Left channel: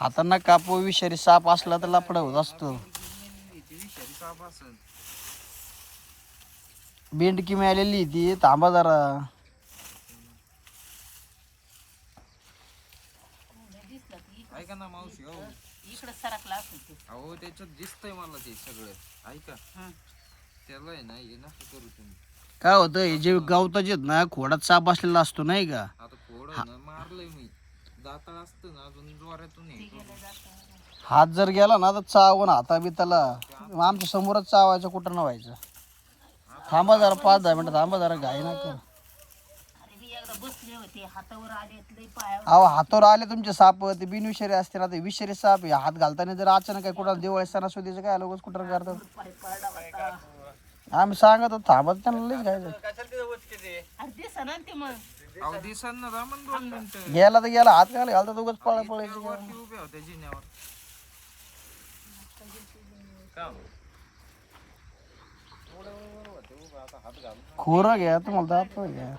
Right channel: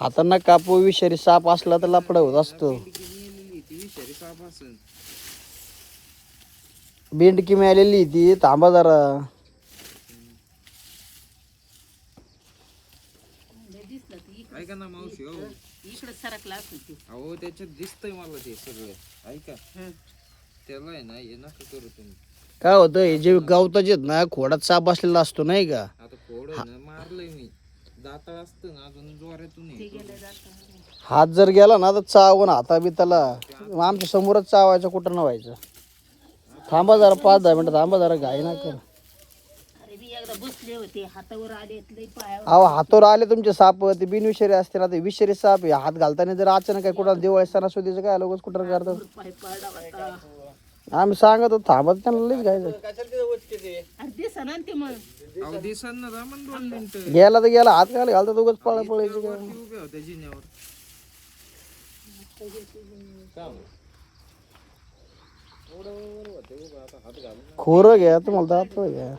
हातांना कापू विषारी साप असला तर लपड होत असतो. विषारी साप असेल. बेंडकी मिळालेली ती. थांबा जरा. ऐका ना मावशी, हो इकडे सरकला असेल. अहो त्याच्यात दिसतंय मला ते सगळं. ऐका त्याला आहे ना हे नका करू तुम्ही. काय होतं जे गवताचे आहेत ना खोडात साप असलेला असतो नाही का. आता खोड आहे ना मारलंय मी. दाताळ असतं ना अजून जोरातून हे हात जर गेला ना तर चावून हाता बिताला आमच्या समोरच चावायचं कुठं न व्हायचं. थांबा जरा 5-10 मिनिटं थांबा जरा घाई नका. अरे मी एकदा बसले होते हातावर आले लई पायावर. अहो हातावर आले तुमचे साप ते बिनविषारी असते ना ते विषारी साप आहे. हात घालताना जर अचानक काय कुठं दिवाळी सणासुदीचं काय लोक कुठं करतात. पाय पडला होता. आम्ही सांगत होतो थांबत त्यांना लईच घ्यायचं. अरे दिसा ना ते मग. अहो दिसांना रामन 2 मिनिटं. गेला तर गेला हात घाल घालतात उगाच पळायची. वरती उभे होते जिन्यावर. का हो? एवढं वर होते उभे, आता हात घालून खोरं घ्या तुम्हाला दात घ्या.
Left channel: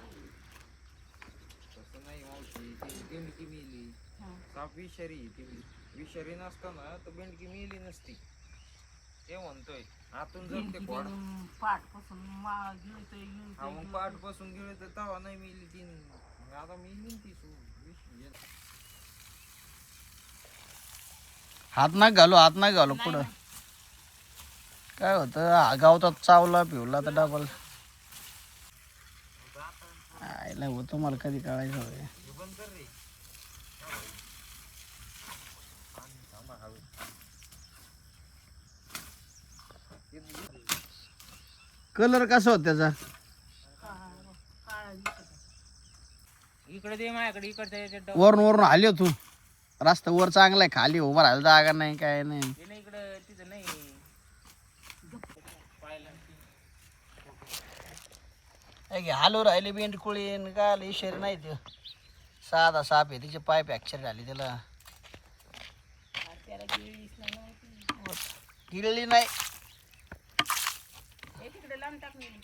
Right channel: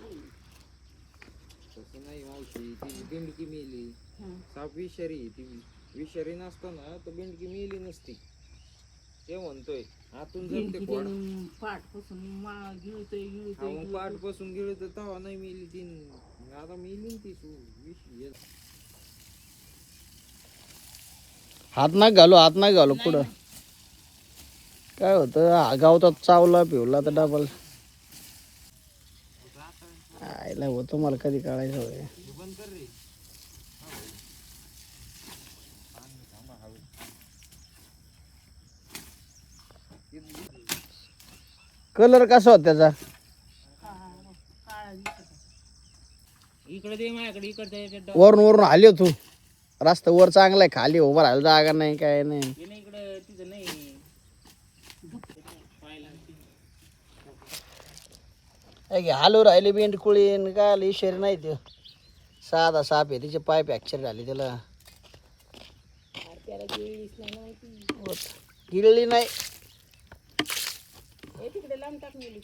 तसं नाही मावशी, ती बेंडकी मेली. साप विषारी, ती विषारी नसताना तर बेंडकी मेली नसती. ते म्हणतोय आतून जर ते खोड पाठ पासून गिळतोय पाठ बसून गेले तर तवा नाही मेली ती. मग आता मेली ती हात नाही घालू हात नाही घालू पुढं. काय होतं गावतात चावला पिवला तर डबल आयला होतं. मला कधी कळायचं. कलर कसा होता त्याचा. इकडे दे माझ्याकडे. इकडे वरून वरून आले तू. रस्ता वर चांगला आहे खाली उभं राहायला जागा नाही काय नाही. इकडे तिथं नाही. हालू राहिले बेंडकुळी काय आलं इशेर नाही ते. साधा साप आहे तिचे पाय फ्रॅक्चर झाले त्याला. गिळली नाही. तिकडे लांब टाकून गेली.